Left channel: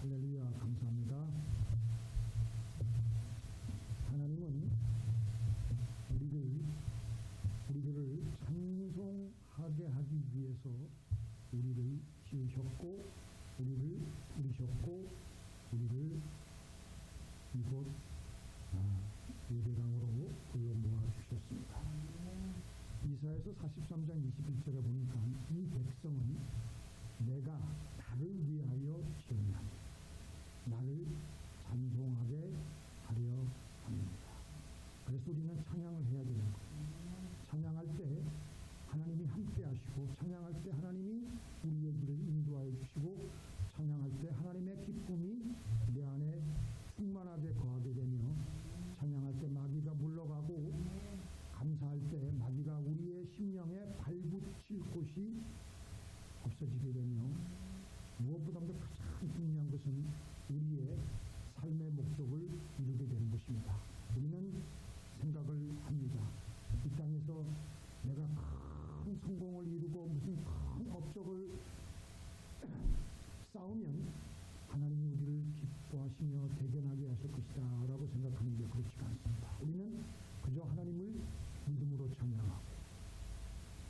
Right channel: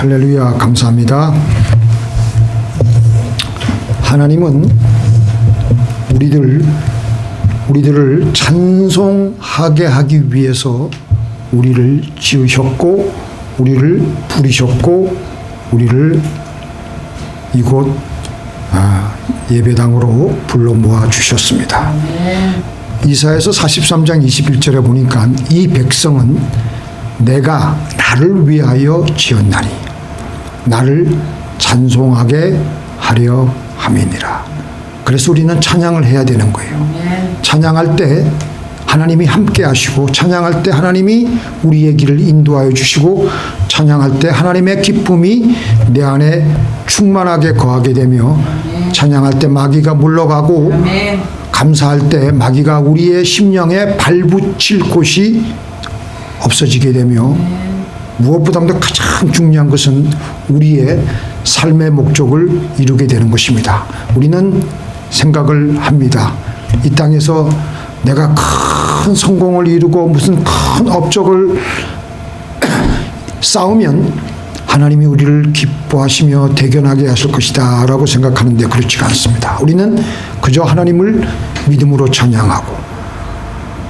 할렐루야, 감사합니다. 하나님은 우리들을 찬송하게 하기 위해서 우리를 지으셨고, 우리를 부르셨고, 우리를 이곳 예배당으로 불러 모아 주셨습니다. 이사야서 43장 21절에 보니까 이 백성은 내가 나를 위하여 지었나니 나를 찬송하게 하려 함이니라. 그래서 우리는 찬양을 해야 되는 거예요. 찬양할 때 하나님이 함께 하시고, 찬양할 때 하나님이 우리의 길을 인도하여 주시고, 찬양할 때 하나님의 기쁨이 내 안에 충만하게 거하게 되며, 찬양할 때 마귀가 물러가고, 감사할 때 마귀가 우리의 심령에 발붙일 곳이 없어지게 되며, 무엇보다도 가장 중요한 것은 우리의 삶의 목적을 이루게 되는 것입니다. 우리는 생각을 합니다. 이 땅에서 내가 큰 성공을 이루고 무슨 큰 업적을 쌓으면 하나님이 우리를 기뻐하시며 대견하게 하실 것이다 라고 생각하는데 그렇지가 않습니다. 우리는 그저 하나님을 믿음으로 찬양하고,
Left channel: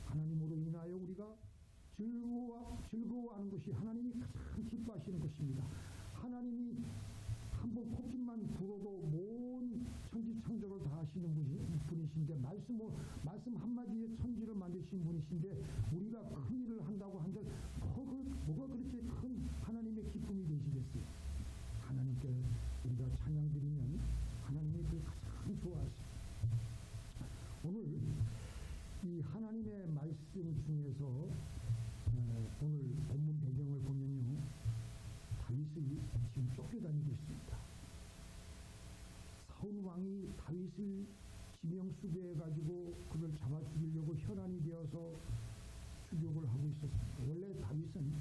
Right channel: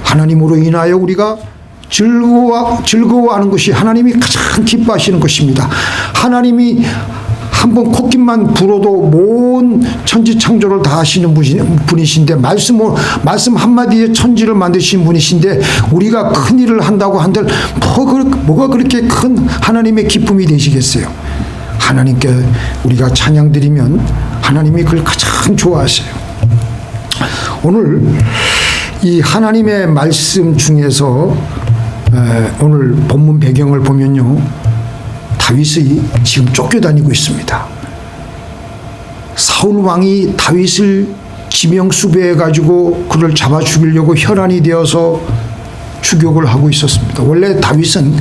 하나님으로 인하여 우리가 즐거워하는 것이 하나님이 가장 기뻐하시는 것입니다. 하나님이 한번 콧깃만 불어도 온 천지창조를 다 하시는 분이신데, 말씀 한마디에 천지를 만드신 분이신데, 우리가 큰 일을 한다고 한들 뭐가 그렇게 큰 하나님의 기쁨이 되시겠어요? 하나님께 우리가 찬양 드리면 하나님이 그걸 가장 좋아하세요. 오늘 이 하나님의 말씀 중에서 오늘 본문 배경을 보면요, 다윗이 지금 쫓겨다니고 있습니다. 사울 왕이 다윗을 지명수배해 가지고 그를 잡아 죽이려고 혈안이 되어서 추격을 하고 있었습니다. 원래 다윗은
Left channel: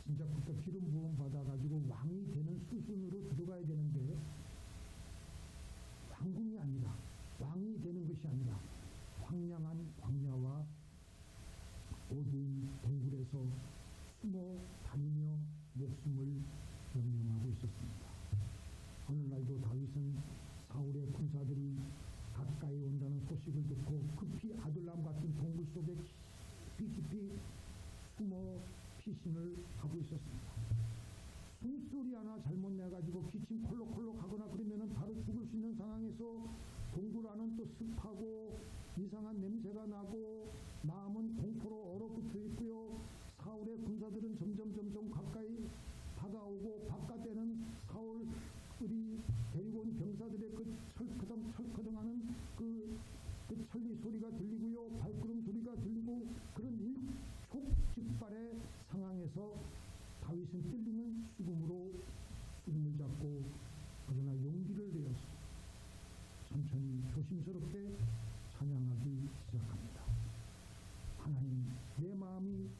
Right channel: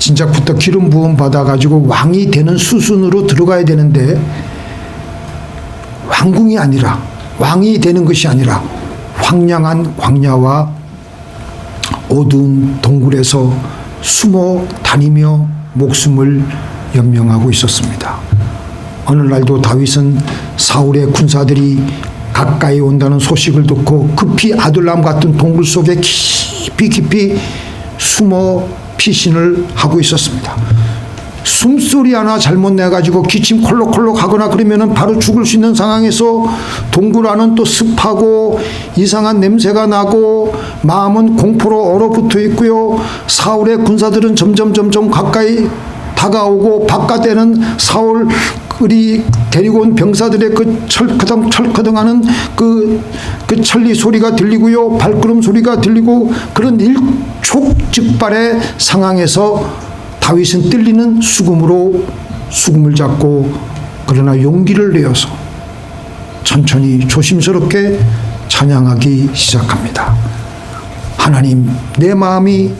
진작부터 기름 부음 받아 가지고 왕이 되는 수순으로 들어가야 되는데, 왕궁이 아니라, 왕이 되는 것이 아니라 황량한 광야와 어두운 동굴에서 숨어 다니며 목숨을 연명하고 있었습니다. 어느 날도 다윗은 사울의 군사들이 가까이 온다는 소식을 듣고 급히 아둘람 같은 동굴 속에 깊이 숨어 피신을 하고 있었습니다. 숨소리 하나 잘못 내가지고 기침 콜록콜록 하거나 그러면은 바로 죽을 수 있는 상황에서, 동굴 안은 또 습하고 이상한 냄새가 나고 마음은 공포로 얼어붙어 있고요. 사울의 군사들은 점점 가까이 다가오고, 바깥에는 사울이 데리고 온 병사들의 그 철커덩 하는 그 천리 소리가 들리고요. 발걸음 소리가 들리고, 그런 일촉즉발의 상황에서 다윗은 떨리는 수금을 잡고, 그러나 용기를 내어서 천천히 조심스럽게 찬양하기 시작합니다. 하나님, 내 마음이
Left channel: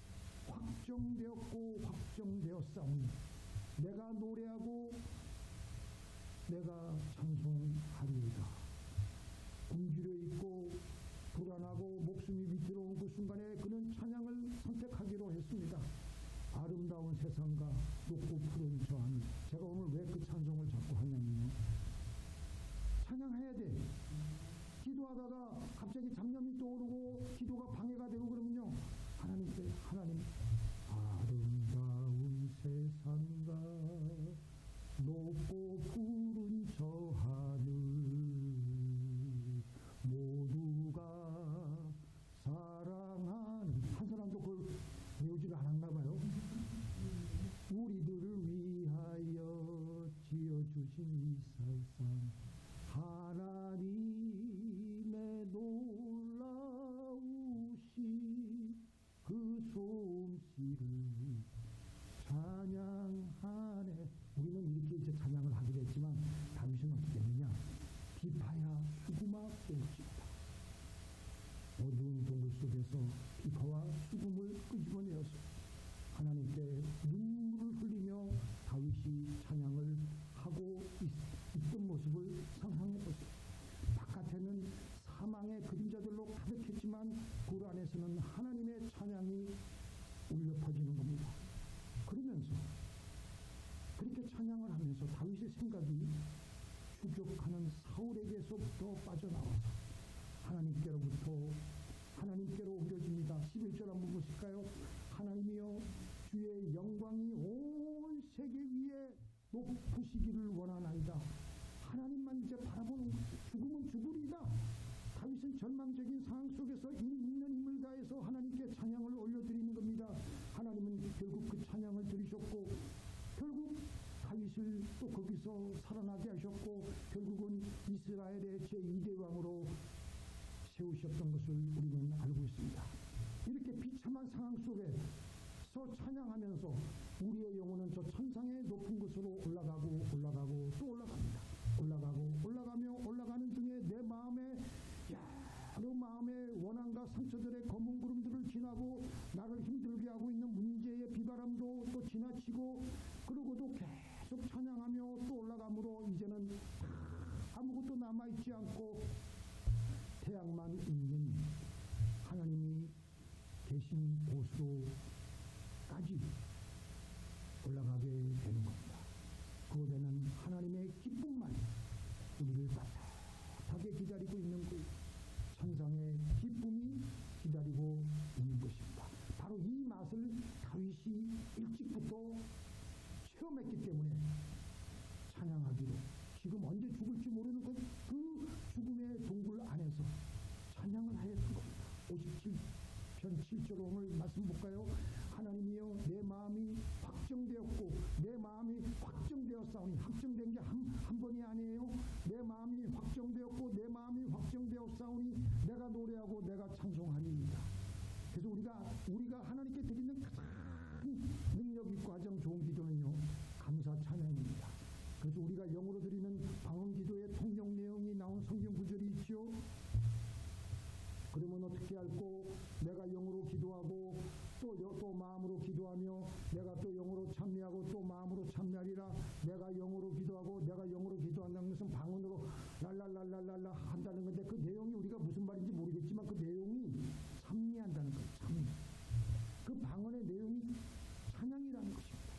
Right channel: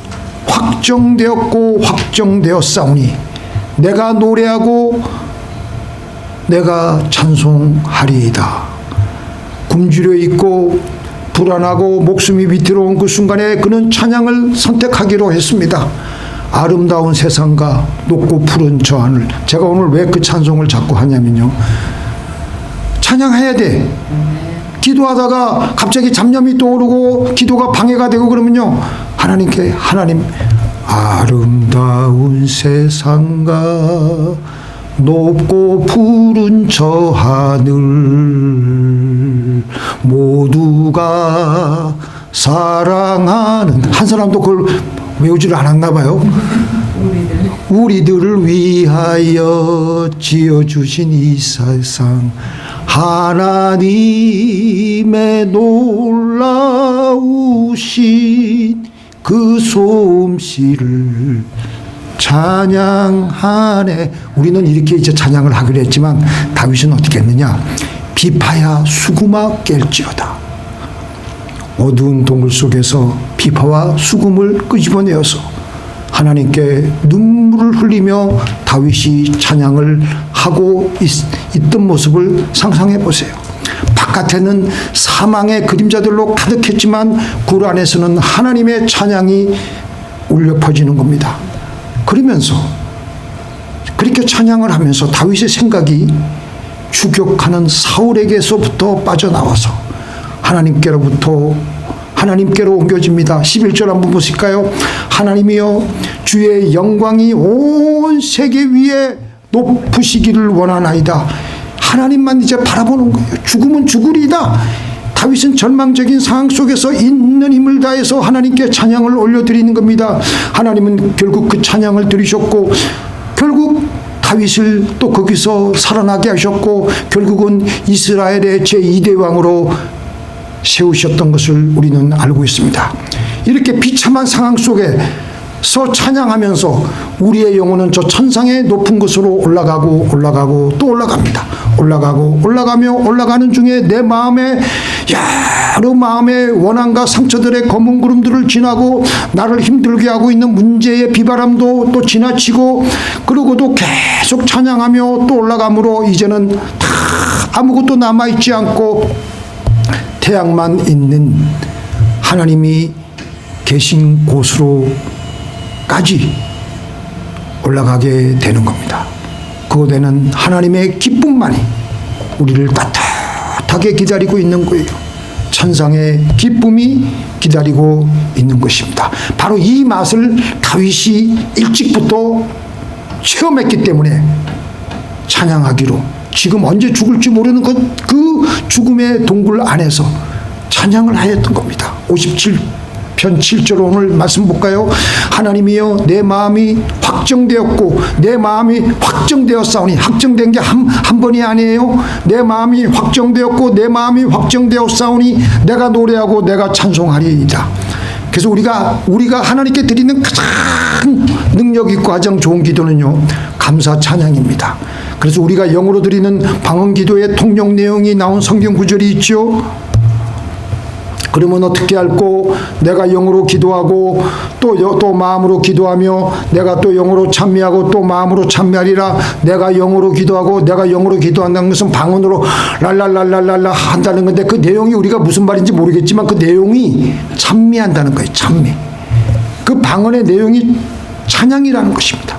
확정되었고 확정되었사오니 내가 노래하고 내가 찬송하리이다. 굶주려 있고 불안하고 목숨이 위태로운 그 순간에 그는 찬양을 선택하기로 했습니다. 아름다운 세상과 높고 푸른 저 하늘. 제가 오늘 왜 그 찬송을 자꾸 하냐면요, 찬양해야 돼. 기도하다가 갑자기 잡념이 떠오르고 기도가 방해가 되고 그러면요, 하나님께, 하나님, 아름다운 세상과 높고 푸른 저 하늘 모두가 사랑하는, 한 사람도 그걸 외우지를 않았나 봐요. 우리들을 위하여 지어주신 이 세상, 하나님의 놀라우신 그 솜씨를 찬양하네. 우리는 이렇게 이제 찬양을 하기로 했지만, 다윗은 어떻게 했느냐? 비파야 수구마 깰지어다. 어두운 동굴 속에서 비파와 수금을 끄집어내어서 하나님께 눈물을 흘리며 다윗이 찬양을 하고 있던 모습을 상상해 보세요. 바깥에는 사망의 그림자들로 가득했지만 굴 안에서는 하나님의 찬양이 울려 퍼지는 겁니다. 그러면서 그렇게 찬양을 하면서 다윗의 생각이 추격하는 사울에게서부터 빠져나와서 하나님께로 옮겨집니다. 11절 한번 보실까요? 하나님이여 주의 영광이 온 세계 위에 높으시기를 원하나이다. 하나님만 이제 바라보는 거예요. 죽으면 죽으리다. 다윗은 절망적인 상황 속에서 있는 힘을 다해서 하나님께 찬양을 올려드리는 겁니다. 하나님은 결국 그 찬양을 들으셨고 결국 다윗을 또 거기서 살아나게 하셨고 결국은 이스라엘의 제2대 왕으로 세우셨던 것을 우리는 알고 있습니다. 이렇게 비참한 상황 속에서 찬양하면서 우리의 영혼은 저 천상의 높은 곳으로 올라가고 또 올라갑니다. 올라가는 중에 내 마음에 여러 마음의 원한과 상처들의 검은 구름들을 지나고 나를 힘들게 하고 있는 문제의 비바람도 또 지나치고 그러고도 계속 찬양하며 또 올라가므로 이제는 다 아무것도 남아있지 않고 태양만 있는 하나님이 계신 곳으로까지 올라가게 되는 겁니다. 그곳에는 하나님의 기쁨만이 우리를 따뜻하게 기다리고 있는 거예요. 천상의 기쁨이 기다리고 있는 것입니다. 바로 이 맛을 다윗이 일찍부터 체험했기 때문에 찬양하기로 지금 언제 죽을지 모르는 그 죽음의 동굴 안에서 찬양을 하였던 겁니다. 57편 7절 오늘 말씀 볼까요? 하나님이여 내 마음이 확정되었고 내 마음이 확정되었사오니 확정된 게 한 번이 아니에요. 내 마음이 확정되었고 내 마음이 확정되었사오니 내가 노래하고 내가 찬송하리이다. 그래서 우리가 하나님께 드리는 가장 능력 있고 가장 좋은 기도는요 감사 찬양입니다. 그래서 우리가 영어로 드리는 방언 기도의 통역 내용이 나온 성경 구절이 있죠. 그러면 어떻게 할꼬? 내가 영어로 기도하고 또 마음으로 기도하며 내가 또 영어로 찬미하고 또 마음으로 찬미하리라. 내가 영어로 기도하고 내가 영어로 기도한다는 것은 방언으로 랄랄랄랄랄라 한다는 건데 그 내용이 우리가 무슨 말인지 모르겠지만 그 내용이 찬미한다는 거예요. 찬미. 그 방언의 내용이 찬양이라는 것입니다.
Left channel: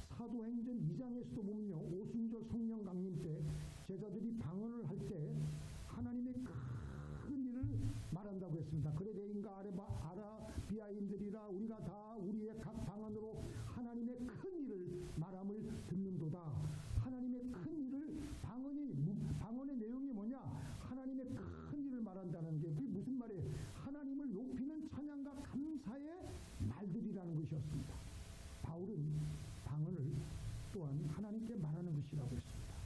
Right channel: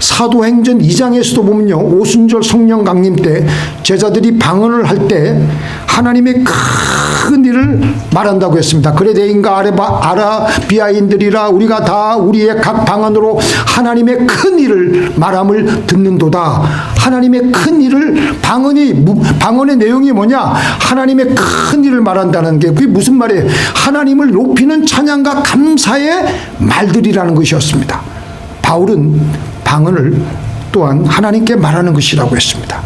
사도행전 2장에서도 보면요 오순절 성령 강림 때 제자들이 방언을 할 때 하나님의 큰 일을 말한다고 했습니다. 그레데인과 아라비아인들이라 우리가 다 우리의 각 방언으로 하나님의 큰 일을 말함을 듣는도다. 하나님의 큰 일을 방언의 내용이 뭐냐? 하나님의 큰 일을 말한다는 게 그게 무슨 말이에요? 하나님을 높이는 찬양과 감사의 말들이라는 것이었습니다. 바울은 방언을 또한 하나님께 말하는 것이라고 했습니다.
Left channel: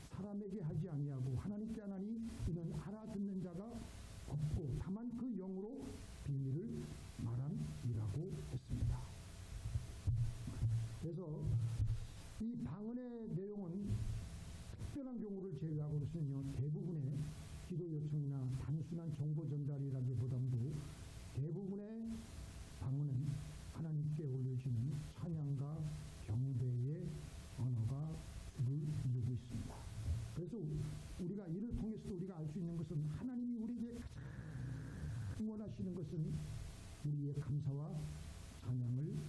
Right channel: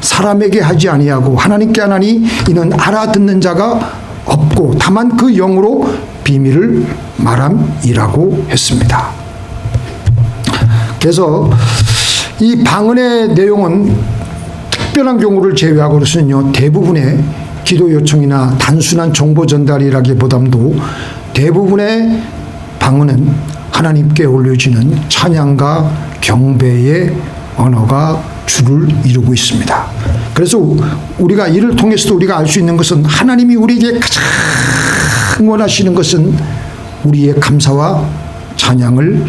사람에게 하지 아니하고 하나님께 하나니 이는 알아듣는 자가 없고 다만 그 영으로 비밀을 말함이라고 했습니다. 그래서 이 방언의 내용은 특별한 경우를 제외하고는요 대부분의 기도 요청이나 단순한 정보 전달이라기보다도 대부분의 방언은 하나님께 올려지는 찬양과 경배의 언어가 주를 이루고 있습니다. 그래서 우리가 이를 통해서도 우리가 알 수 있는 것은 하나님이 우리에게 가장 원하시는 것은 우리의 감사와 찬양을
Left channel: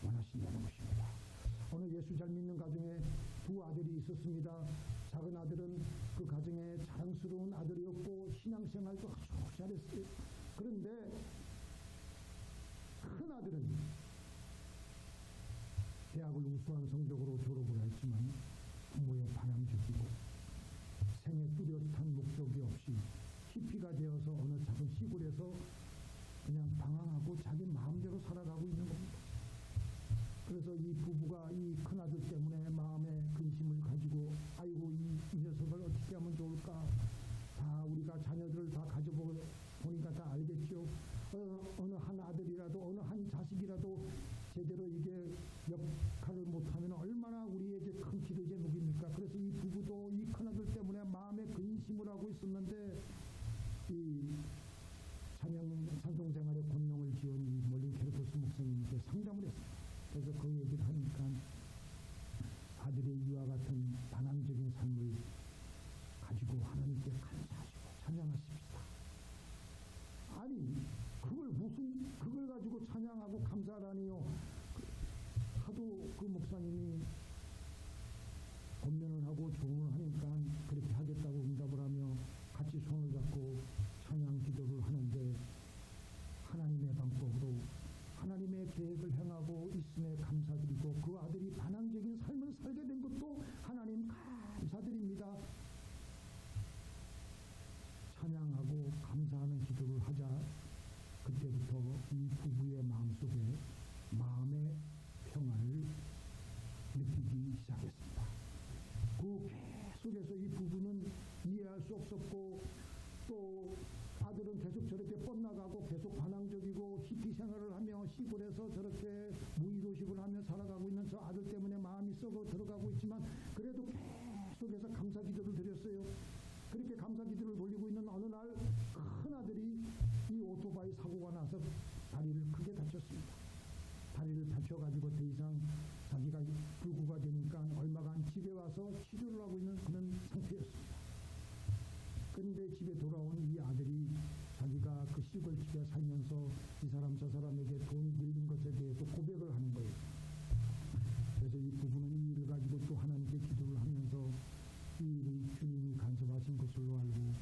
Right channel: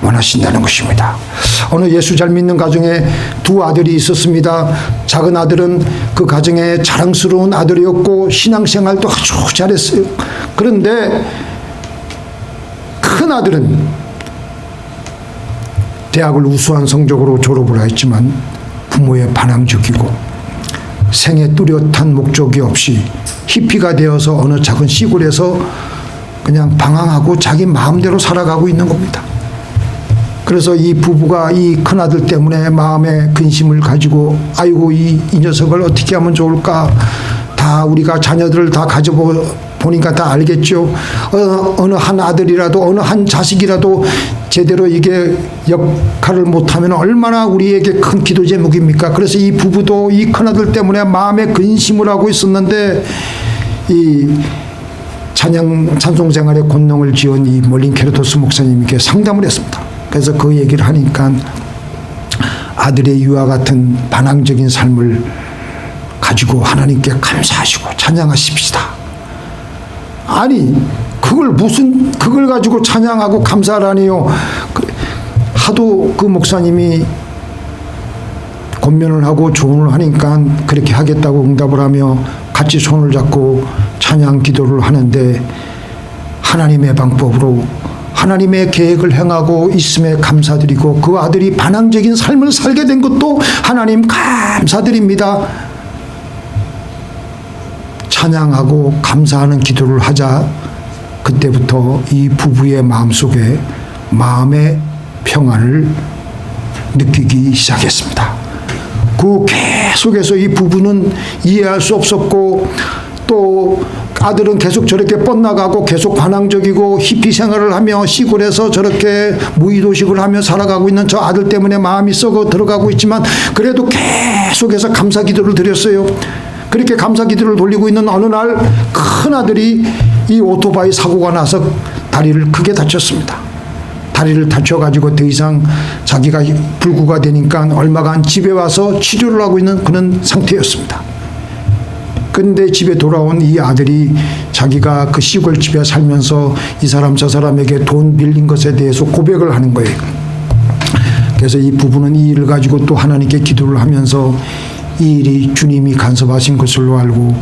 원하신다는 것입니다. 어느 예수 잘 믿는 가정에 두 아들이 있었습니다. 작은 아들은 그 가정의 자랑스러운 아들이었고 신앙생활도 아주 잘했어요. 그런데 큰 아들은 대학을 우수한 성적으로 졸업을 했지만 부모의 반항적이고 생에 뚜렷한 목적이 없이 히피가 되어서 어느 작은 시골에서 그냥 방황하고 자기 마음대로 살아가고 있는 겁니다. 그래서 이 부부가 이 큰아들 때문에 마음에 근심을 가지고 아이고 이 녀석을 어떻게 하면 좋을까. 다 우리가 자녀들을 다 가져보니까 다 알겠죠. 어느 한 아들이라도 어느 한 자식이라도 제대로 이게 역할을 못하면 얼마나 우리에게 큰 기도 제목입니까. 그래서 이 부부도 이 큰아들 때문에 마음에 근심을 하고 있었는데 이 찬송 생활에 권능을 지은 이 멀린 케르토스 목사님께 상담을 했습니다. 그래서 그 얘기를 하니까 아들의 이와 같은 반항적인 삶을 가지고 하나님께 감사하시고 찬양하십시다. 아니 그걸 가지고 찬양하고 감사하라니요. 하도 그 목사님이 권면을 하고 조언을 하니까 그렇게 하겠다고 응답을 하며 같이 손을 잡고 찬양 기도를 하는데 하나님의 방법으로 하나님의 계획을 행하고 있음에 감사드리고 그 아들이 반항적인 삶을 살게 된 것도 하나님 감사드립니다. 찬양하고 감사하는 기도를 하자 그때부터 이 부부의 마음속에 마음의 평안을 느끼기 시작했습니다. 그 계속해서 이 부부는 이해할 수 없었고 또 아들은 계속 저렇게 뻗나가고 계속 반항적이고 히피 생활을 하며 시골에서 저렇게 무의도식을 하며 살아가고 있는 저 아들 때문에 마음이 썩어 들어가고 있지만 그래도 계속해서 감사 기도를 드렸어요. 그렇게 감사 기도를 돌리고 있는 어느 날 큰 아들이 이 오토바이 사고가 나서 다리를 크게 다쳤습니다. 다리를 다쳐가지고 더 이상 자기가 불구가 되니까 얼마간 집에 와서 치료를 하고 있는 그런 상태였습니다. 그런데 집에 돌아온 이 아들이 자기가 그 시골집에 살면서 이 사람 저 사람에게 돈 빌린 것에 대해서 고백을 하는 거예요. 그래서 이 부부는 이 일을 가지고 또 하나님께 기도를 하면서 이 일이 주님이 간섭하신 것으로 알고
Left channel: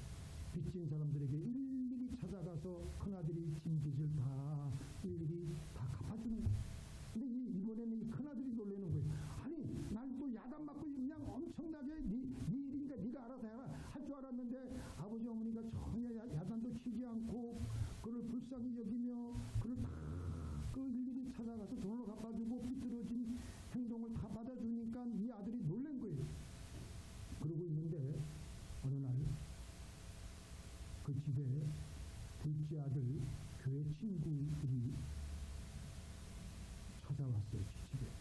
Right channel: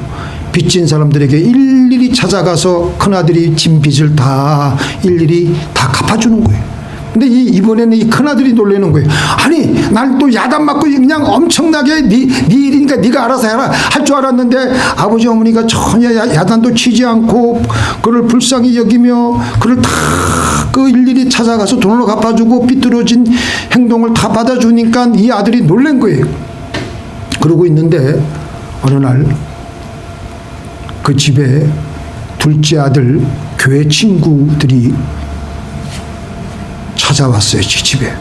빚진 사람들에게 일일이 찾아가서 큰아들이 진 빚을 다 일일이 다 갚아주는 거예요. 근데 이번에는 이 큰아들이 놀라는 거예요. 아니 날 또 야단 맞고 그냥 엄청나게 네 일이니까 네가 알아서 해라 할 줄 알았는데 아버지 어머니가 전혀 야단도 치지 않고 그를 불쌍히 여기며 그를 다 그 일일이 찾아가서 돈을 갚아주고 삐뚤어진 행동을 다 받아주니까 이 아들이 놀란 거예요. 그러고 있는데 어느 날 그 집에 둘째 아들 교회 친구들이 찾아왔어요. 집에.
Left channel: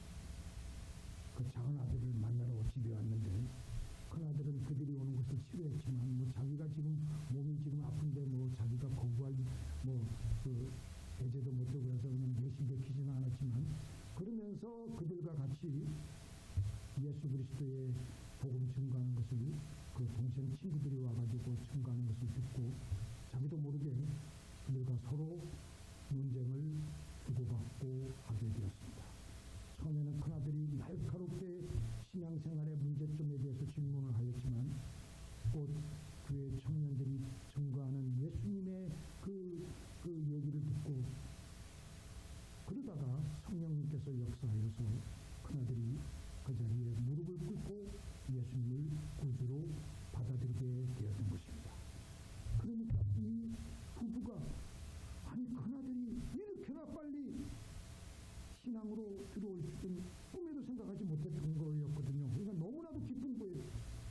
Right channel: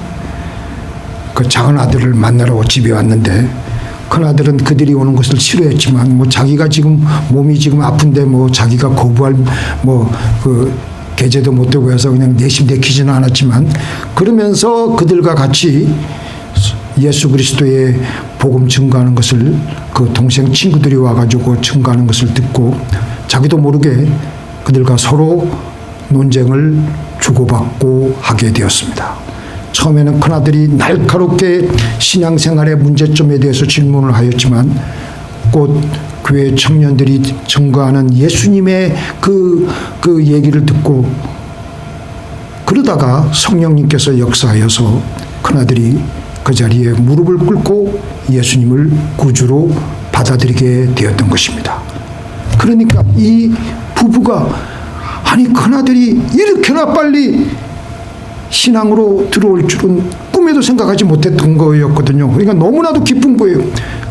그 작은 아들을 만나러 집에 왔는데 큰 아들은 그들이 오는 것을 싫어했지만 뭐 자기가 지금 몸이 지금 아픈데 뭐 자기가 거부할 뭐 그 계제도 못 되고 해서 그냥 내심 내키지는 않았지만 그러면서 그들과 같이 예수 그리스도의 복음 증거하는 것을 그 동생 친구들이 와가지고 증거하는 것을 듣고 자기도 모르게 그들과 서로 논쟁을 주고받고 하게 되었습니다. 처음에는 큰아들이 날카롭게 신앙생활의 문제점에 대해서 질문을 하였지만 곧 교회 청년들이 증거하는 예수님의 그 얘기를 듣고 그러다가 성령님께서 역사하여서 큰아들이 그 자리에 무릎을 꿇고 예수님을 구주로 받아들이게 되었던 것입니다. 그러니까 이 부부가 아니 큰아들이 이렇게나 빨리 신앙으로 들어올 줄은 꿈에도 생각하지 못했던 거였거든요. 그러니까 너무나도 기쁜 거예요.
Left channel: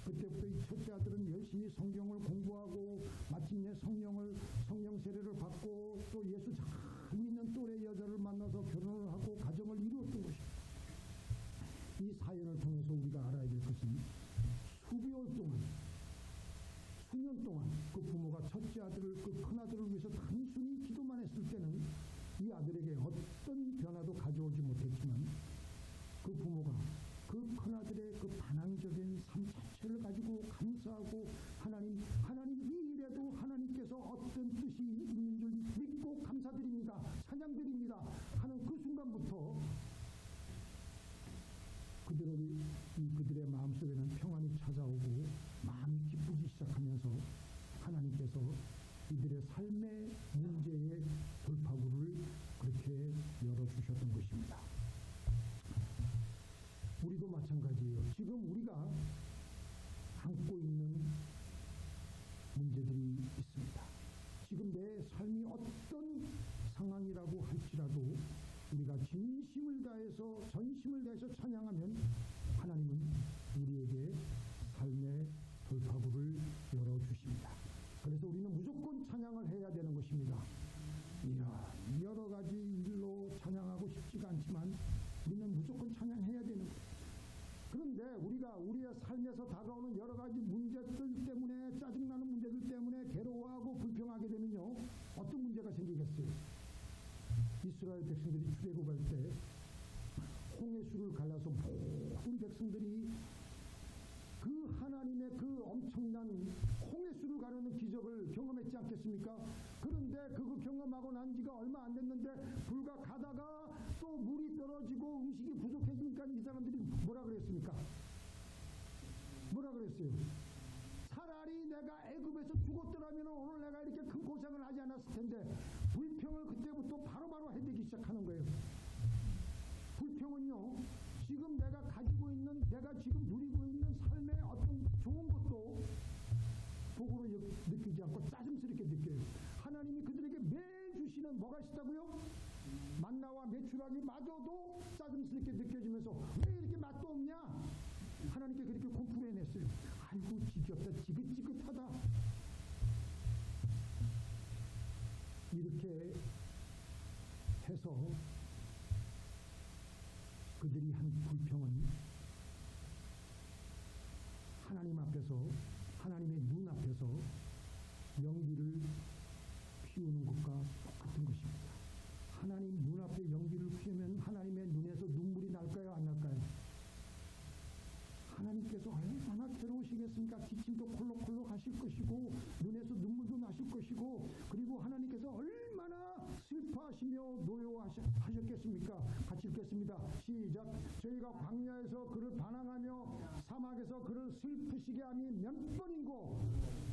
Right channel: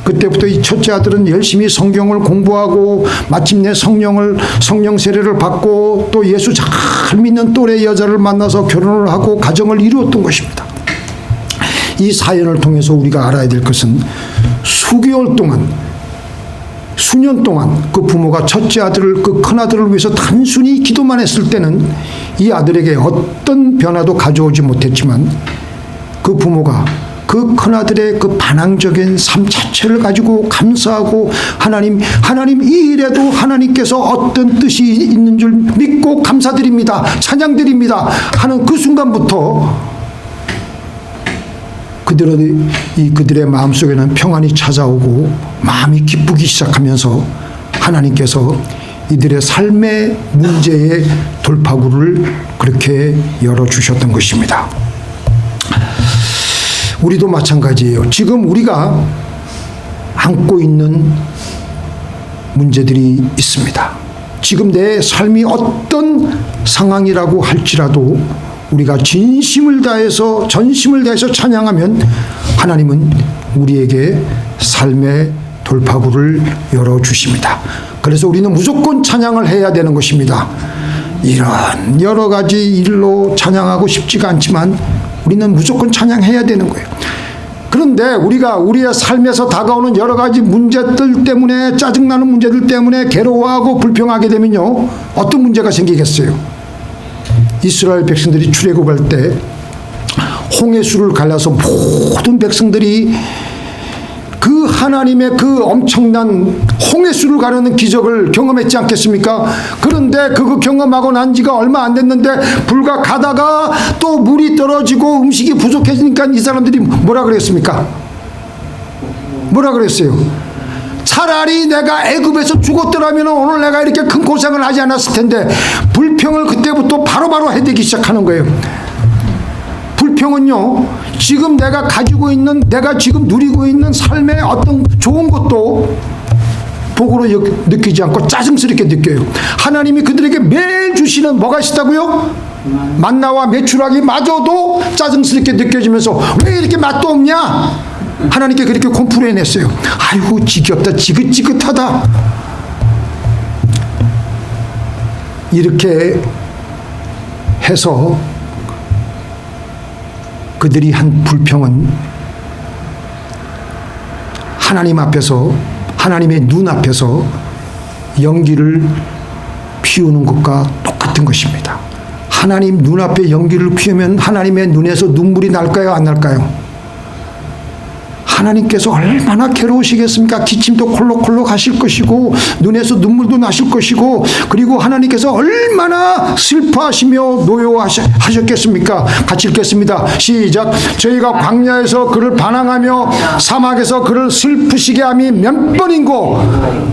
그때부터 이 첫째 아들은 열심히 성경을 공부하고 마침내 성령 세례를 받고 또 예수 잘 믿는 또래 여자를 만나서 결혼을 하고 가정을 이루었던 것입니다. 이 사연을 통해서 우리가 알아야 될 것은 수개월 동안 수년 동안 그 부모가 첫째 아들을 그 큰 아들을 위해서 단순히 기도만 했을 때는 이 아들에게 어떤 변화도 가져오지 못했지만 그 부모가 그 큰 아들의 그 반항적인 삶 자체를 가지고 감사하고 하나님 이 일에도 하나님께서 어떤 뜻이 있는 줄 믿고 감사드립니다. 찬양드립니다. 하는 그 순간부터 그들의 마음속에는 평안이 찾아오고 마음이 기쁘기 시작하면서 하나님께서 이들의 삶의 문제의 돌파구를 그렇게 열어주셨던 것입니다. 우리도 마찬가지예요. 지금 우리가 안고 있는 문제들이 있습니다. 지금 내 삶이 어떤 상황이라고 할지라도 우리가 전심을 다해서 찬양하면 하나님은 우리에게 삶의 돌파구를 열어주십니다. 그래서 우리는 무조건 찬양을 해야 되는 것입니다. 이런 여러 가지 일로 찬양하고 싶지가 않지만 우리는 무조건 찬양해야 되는 거예요. 그런데 우리가 우리의 삶에서 다가오는 여러 가지 문제들 때문에 짜증나는 문제들 때문에 괴로워하고 불평하게 되면요 어떤 문제가 생기겠어요? 이스라엘 백성들이 출애굽할 때 홍해수를 갈라서 모든 백성들이 그 하나님의 그 엄청난 홍해수를 가르는 기적을 경험했지 않겠습니까? 그런데 그거 경험하고 난 지가 얼마 안 됐는데 불과 가다가 또 물이 떨어지고 음식이 부족해지니까 이 사람들이 뭐라 그랬습니까? 뭐라 그랬어요? 차라리 내가 애굽에서 죽었더라면 오늘 내가 이렇게 큰 고생을 하지 않았을 텐데, 불평을 그때부터 바로바로 해대기 시작하는 거예요. 불평은요, 지금 내가 가지고 있는, 내가 지금 누리고 있는 삶의 어떤 좋은 것도 복으로 느끼지 않고 짜증스럽게 느껴요. 하나님이 그들에게 매일 주시는 뭐가 있다고요? 만나와 메추라기 마저도 짜증스럽게 느껴지면서 왜 이렇게 맛도 없냐? 하나님께 그렇게 콤플레인 했어요. 아이고 지겹다, 지긋지긋하다. 이렇게 해서 그들이 한 불평은 하나님 앞에서, 하나님의 눈 앞에서 연기를 피우는 것과 똑같은 것입니다. 하나님 눈앞에 연기를 피우면 하나님의 눈에서 눈물이 날까요, 안 날까요? 하나님께서 얼마나 괴로우시겠습니까? 기침도 콜록콜록 하실 것이고 눈에서 눈물도 나실 것이고, 그리고 하나님께서 얼마나 슬퍼하시며 노여워하셨겠습니까? 같이 읽겠습니다. 시작. 저희가 광야에서 그를 반항하며 사막에서 그를 슬프시게 함이 몇 번인고,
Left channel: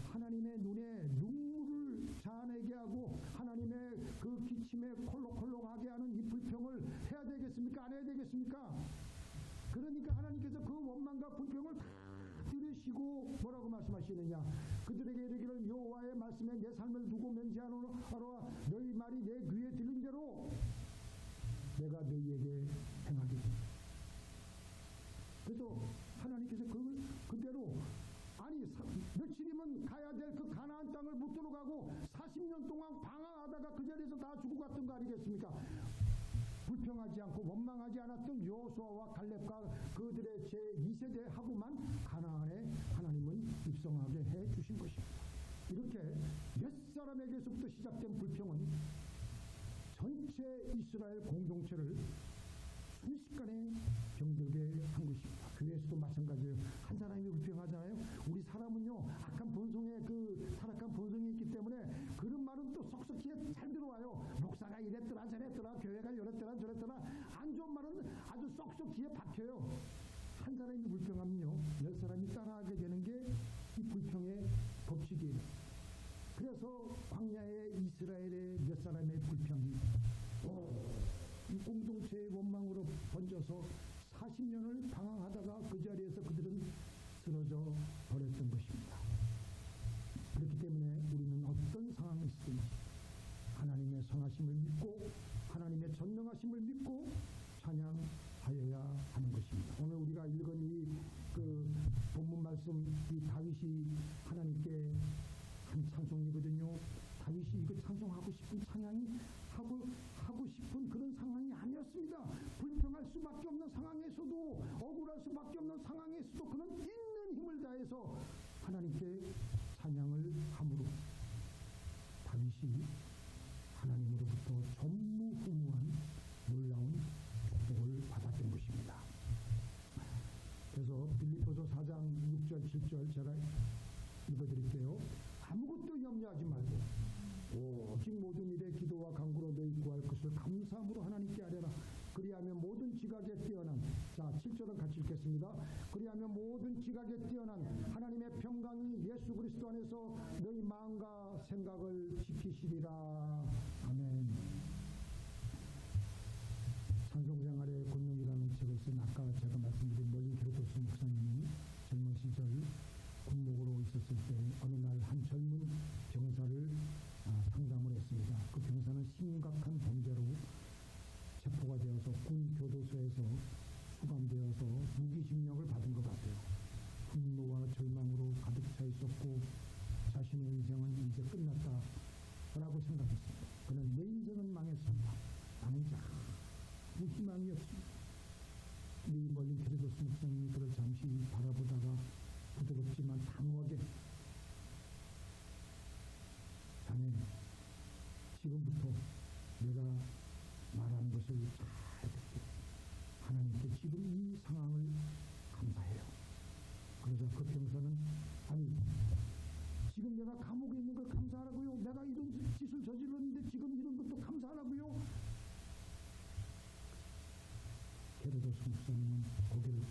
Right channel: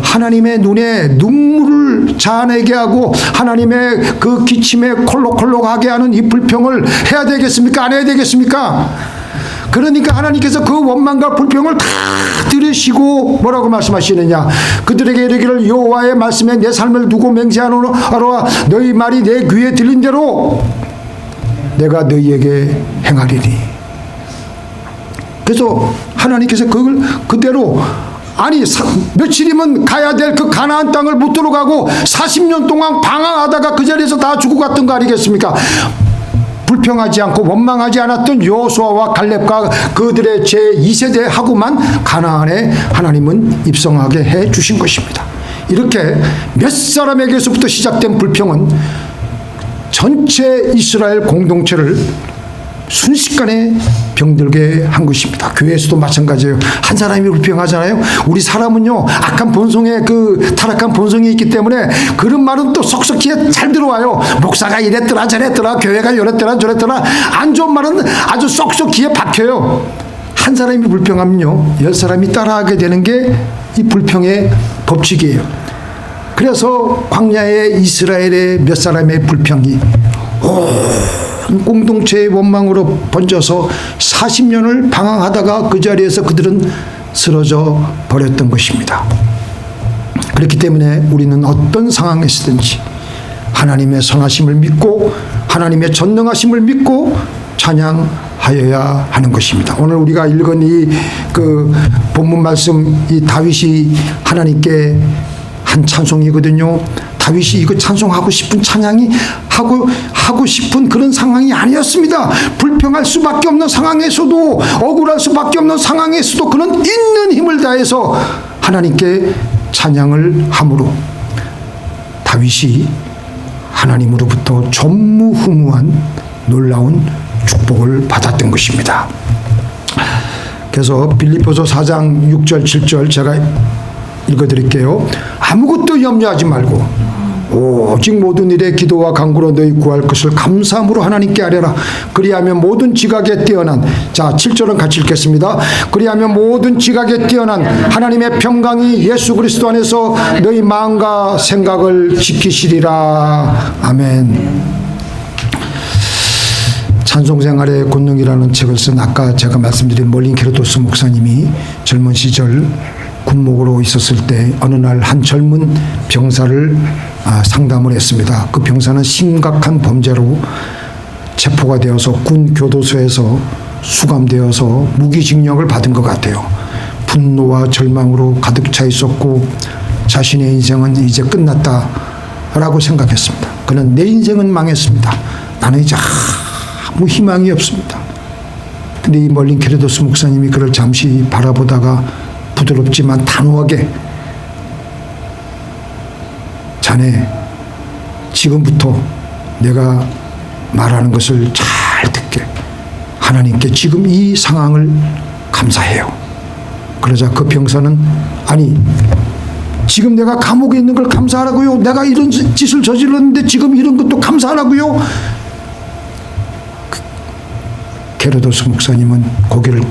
하나님의 눈에 눈물을 자아내게 하고 하나님의 그 기침에 콜록콜록하게 하는 이 불평을 해야 되겠습니까? 안 해야 되겠습니까? 그러니까 하나님께서 그 원망과 불평을 다 들으시고 뭐라고 말씀하시느냐? 그들에게 이르기를 여호와의 말씀에 내 삶을 두고 맹세하노라. 너희 말이 내 귀에 들린 대로 내가 너희에게 행하리니. 그래서 하나님께서 그걸 그대로, 아니 며칠이면 가야 될 그 가나안 땅을 못 들어가고 40년 동안 방황하다가 그 자리에서 다 죽고 갔던 거 아니겠습니까? 불평하지 않고 원망하지 않았던 여호수아와 갈렙과 그들의 제2세대하고만 가나안에 하나님은 입성하게 해 주신 것입니다. 이렇게 몇 사람에게서부터 시작된 불평은 전체 이스라엘 공동체를 순식간에 병들게 한 것입니다. 교회에서도 마찬가지예요. 한 사람이 불평하잖아요. 우리 사람은요, 악한 본성에, 그 타락한 본성이 있기 때문에 그런 말은 또 쏙쏙히에 잘 들어와요. 목사가 이랬더라 저랬더라, 교회가 이랬더라 저랬더라. 안 좋은 말은 아주 쏙쏙히에 박혀요. 한 사람이 불평하면요 10사람이 따라하게 되는 게 이 불평의 법칙이에요. 그래서 광야의 이스라엘의 몇 사람의 불평이 공동체의 원망으로 번져서 40년을 방황하다가 그 자리에서 그들은 쓰러져 버렸던 것입니다. 그렇기 때문에 우리는 어떤 상황에서든지 하나님의 선하심을 믿고 하나님의 전능하심을 믿고 찬양하여야 하는 것입니다. 오늘 우리가 읽은 이 그 본문 말씀, 이 다윗이 하나님께 한 찬송이거든요. 다윗이 이거 찬송하고 싶은 찬양이 하고 싶은 그런 상황이 아니었습니다. 불평할 수밖에 없는 상황에서도, 억울할 수밖에 없는 상황에서도 그는 있는 힘을 다해서 하나님께 찬양을 함으로 다윗이 하나님으로부터 전무후무한 놀라운 축복을 받았던 것입니다. 그래서 빌립보서 4장 6절 7절 제가 읽어드릴게요. 아무것도 염려하지 말고 오직 모든 일에 기도와 간구로 너희 구할 것을 감사함으로 하나님께 아뢰라. 그리하면 모든 지각에 뛰어난, 자 7절은 같이 읽겠습니다. 그리하면 모든 지각에 뛰어난 하나님의 평강이 예수 그리스도 안에서 너희 마음과 생각을 지키시리라. 아멘. 찬송생활의 권능이라는 책을 쓴, 아까 제가 말씀드린 몰린 케르도스 목사님이 젊은 시절 군목으로 있었을 때 어느 날 한 젊은 병사를 상담을 했습니다. 그 병사는 심각한 범죄로 체포가 되어서 군 교도소에서 수감되어서 무기징역을 받은 것 같아요. 분노와 절망으로 가득 차 있었고 자신의 인생은 이제 끝났다라고 생각했습니다. 그는 내 인생은 망했습니다. 나는 이제 아무 희망이 없습니다. 근데 이 멀린 케르도스 목사님이 그를 잠시 바라보다가 부드럽지만 단호하게, 자네 지금부터 내가 말하는 것을 잘 듣게, 하나님께 지금 이 상황을 감사해요. 그러자 그 병사는 아니 지금 내가 감옥에 있는 걸 감사하라고요? 내가 이런 짓을 저질렀는데 지금 이런 것도 감사하라고요? 게르도스 목사님은 고개를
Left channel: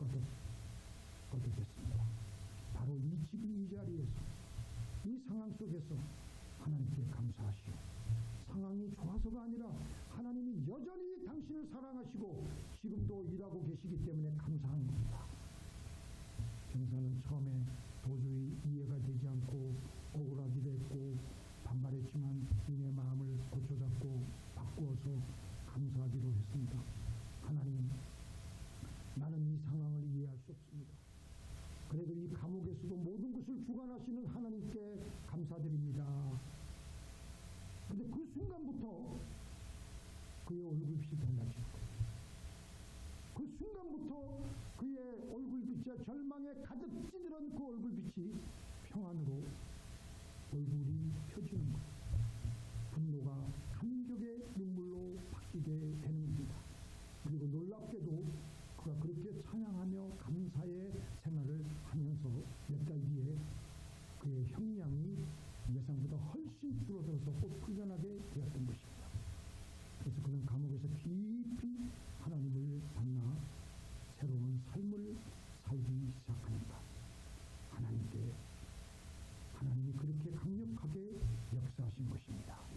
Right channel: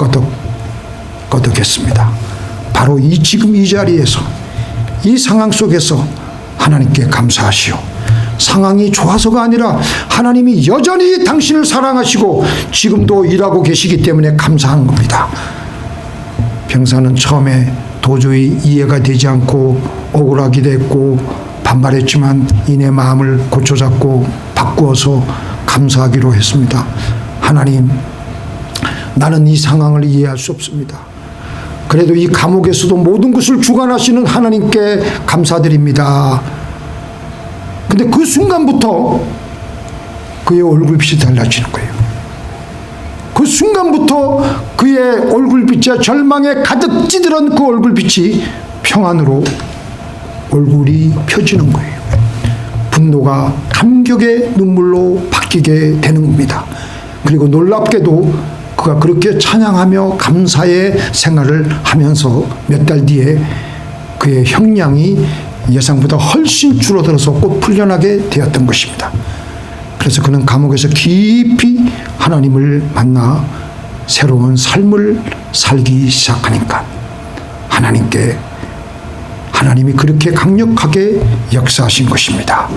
끄덕했습니다. 바로 지금 이 자리에서 이 상황 속에서 하나님께 감사하시오. 상황이 좋아서가 아니라 하나님이 여전히 당신을 사랑하시고 지금도 일하고 계시기 때문에 감사한 겁니다. 병사는 처음에 도저히 이해가 되지 않고 억울하기도 했고 반발했지만 이내 마음을 고쳐잡고 바꾸어서 감사하기로 했습니다. 하나님, 나는 이 상황을 이해할 수 없습니다. 그래도 이 감옥에서도 모든 것을 주관하시는 하나님께 감사드립니다. 근데 그 순간부터 그의 얼굴빛이 달라지는 거예요. 그 순간부터 그의 얼굴빛에 절망에 가득 찌들은 그 얼굴빛이 평안으로 얼굴이 펴지는 거예요. 분노가 감격의 눈물로 바뀌게 되는 겁니다. 그리고 놀랍게도 그가 그렇게 찬양하며 감사의 생활을 하면서 몇 달 뒤에 그의 형량이 예상보다 훨씬 줄어들어서 곧 풀려나게 되었던 것입니다. 그래서 그는 감옥에서 깊이 하나님을 만나 새로운 삶을 살기 시작하니까 하나님이 그렇게 강력하게 역사하신 것입니다.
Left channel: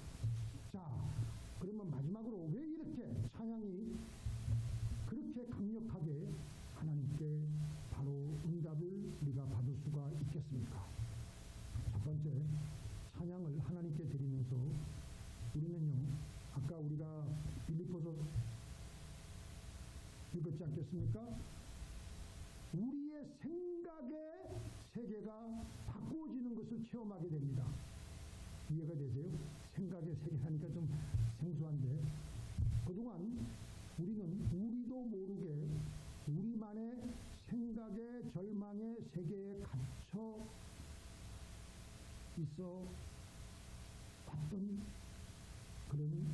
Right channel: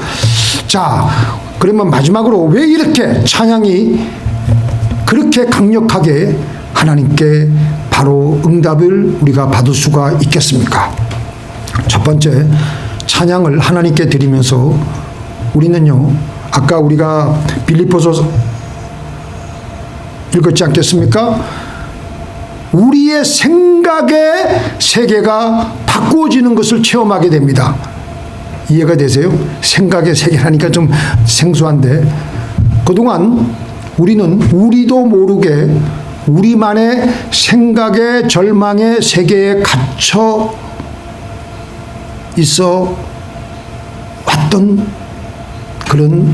자, 그러면 마지막으로 왜 이렇게 찬양이 그렇게 강력하게 하나님께 바로 응답을 우리가 받을 수가 있겠습니까? 첫 번째, 찬양을 하나님께 드리면서 우리는요, 아까 우리가 빌립보서 읽었지 않겠습니까? 우리의 생각의 세계가 바꾸어지는 것을 체험하게 됩니다. 이해가 되세요? 생각의 세계라니까 좀 생소한데, 그동안 우리도 모르게 우리만의 생각의 절망의 세계에 갇혀 있어 왔던 그런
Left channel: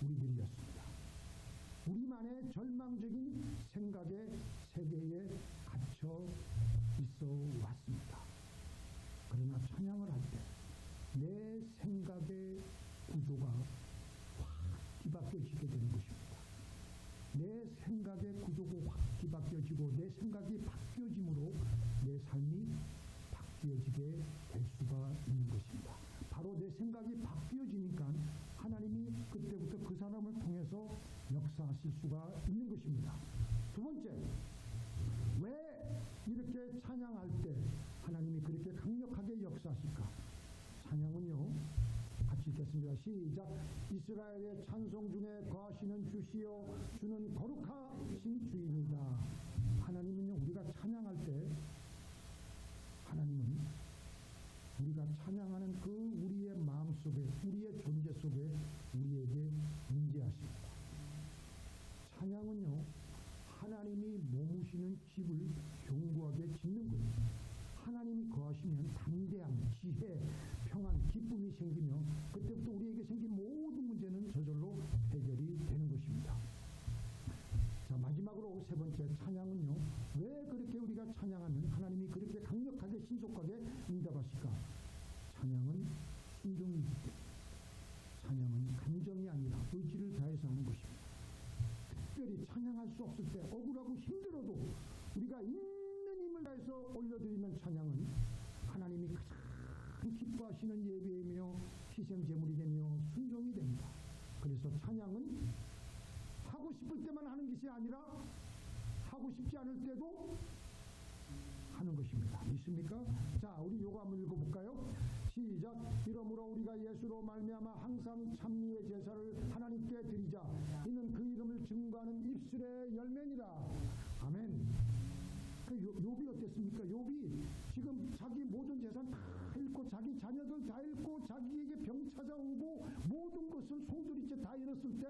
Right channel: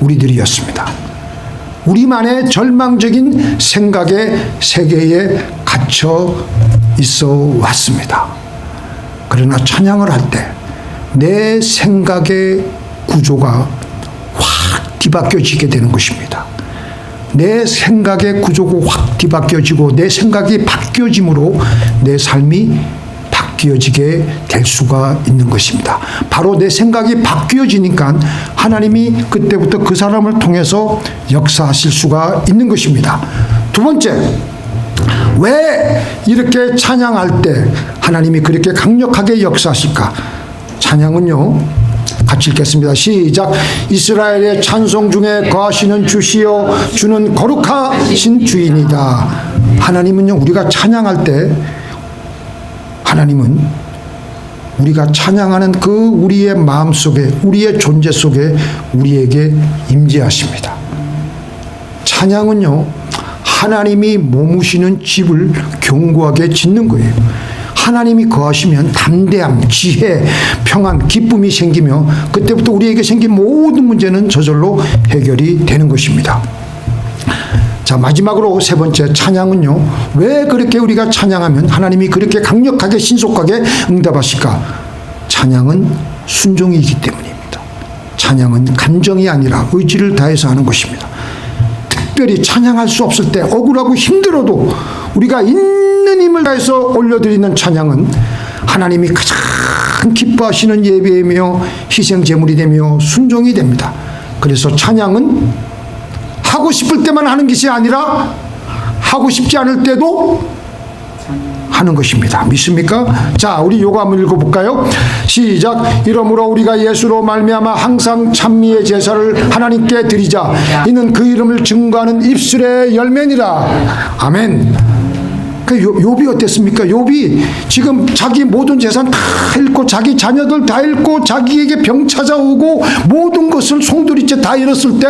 우리들이었습니다. 우리만의 절망적인 생각의 세계에 갇혀 있어 왔습니다. 그러나 찬양을 할 때 내 생각의 구조가 확 뒤바뀌어지게 되는 것입니다. 내 생각의 구조가 확 뒤바뀌어지고 내 생각이 바뀌어짐으로 내 삶이 바뀌어지게 될 수가 있는 것입니다. 바로 내 생각이 바뀌어지니까 하나님이 그때부터 그 사람을 통해서 역사하실 수가 있는 것입니다. 두 번째, 왜 이렇게 찬양할 때 하나님이 그렇게 강력하게 역사하실까? 찬양은요, 같이 읽겠습니다. 시작. 이스라엘의 찬송 중에 거하시는 주시여, 주는 거룩하신 주인이다. 하나님은요, 우리가 찬양할 때 하나님은 우리가 찬양하는 그 우리의 마음 속에, 우리의 존재 속에 우리에게 임재하십니다. 찬양은요, 하나님이 머무시는 집을 견고하게 짓는 거예요. 하나님이 거하시면 담대함, 지혜, 평안, 기쁨이 생기며 그때부터 우리에게 생긴 모든 문제는 저절로 해결이 되는 것입니다. 자, 마지막으로 세 번째, 찬양은요, 왜 그렇게 우리가 찬양하면 하나님이 그렇게 강력하게 신속하게 응답하실까? 찬양은 순종이기 때문입니다. 찬양은 감정이 아니라 의지를 다해서 하는 것입니다. 특별히 찬양할 수 없을 때, 억울하고 힘들어도 우리가 있는 힘을 다해서 올려드리는 찬양은 하나님이 가장 기뻐하시는 예배이며 희생 제물이 되며 순종이 됩니다. 그래서 찬양은 하고 싶을 때만 하는 것이 아니라 하고 싶지 않을 때도 하는 것입니다. 믿습니까? 자, 우리 요거 한번 읽어볼까요? 시작. 이러므로 우리가 예수로 말미암아 항상 찬미의 제사를 하나님께 드리자. 이는 그 이름을 증거하는 입술의 열매니라. 아멘. 그 욥이 어땠습니까? 욥이 지금 자기 모든 재산 다 잃고 자기 자녀들 다 잃고 자기에게 병 찾아오고 모든 것을 송두리째 다 잃었을 때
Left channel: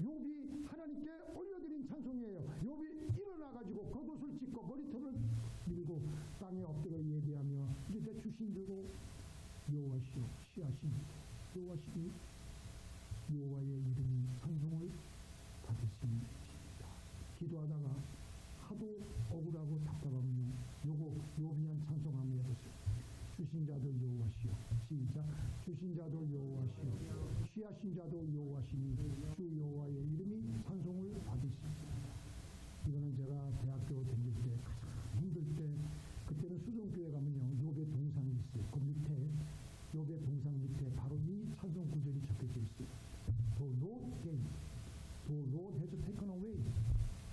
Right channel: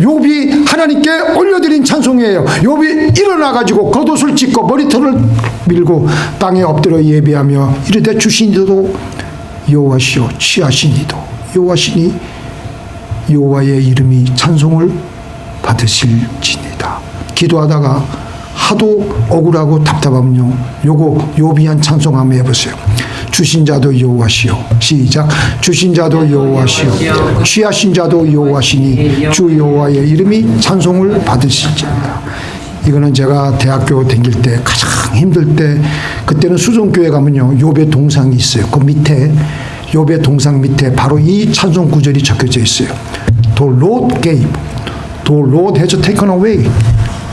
욥이 하나님께 올려드린 찬송이에요. 욥이 일어나가지고 겉옷을 찢고 머리털을 밀고 땅에 엎드려 예배하며 이르되 주시니도 여호와시오, 취하시니도 여호와시니 여호와의 이름이 찬송을 받으실지니다. 기도하다가 하도 억울하고 답답하면요. 요거 요비한 찬송 한번 해보세요. 주신 자도 여호와시요. 시작. 주신 자도 여호와시요. 취하신 자도 여호와시니 주 여호와의 이름이 찬송을 받으실지어다. 이거는 제가 대학교 다닐 때 가장 힘들 때, 그때는 수종교회 가면요 욥의 동상이 있어요. 그 밑에 욥의 동상 밑에 바로 이 찬송 구절이 적혀져 있어요. The Lord gave, the Lord has taken away.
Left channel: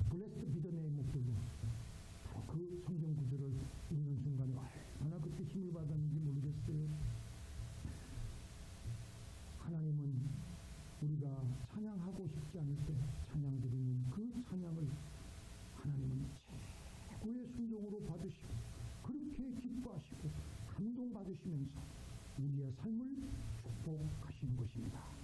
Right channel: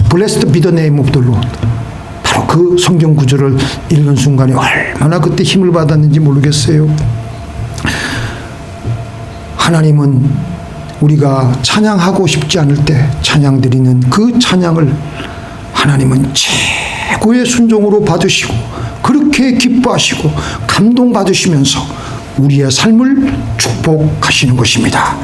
Blessed be the name of the Lord. 바로 그 성경 구절을 읽는 순간에 얼마나 그때 힘을 받았는지 모르겠어요. 하나님은 우리가 찬양하고 싶지 않을 때 찬양 드리는 그 찬양을 하나님은 최고의 순종으로 받으시고 그렇게 기뻐하시고 감동받으시면서 우리의 삶을 축복하시는 것입니다.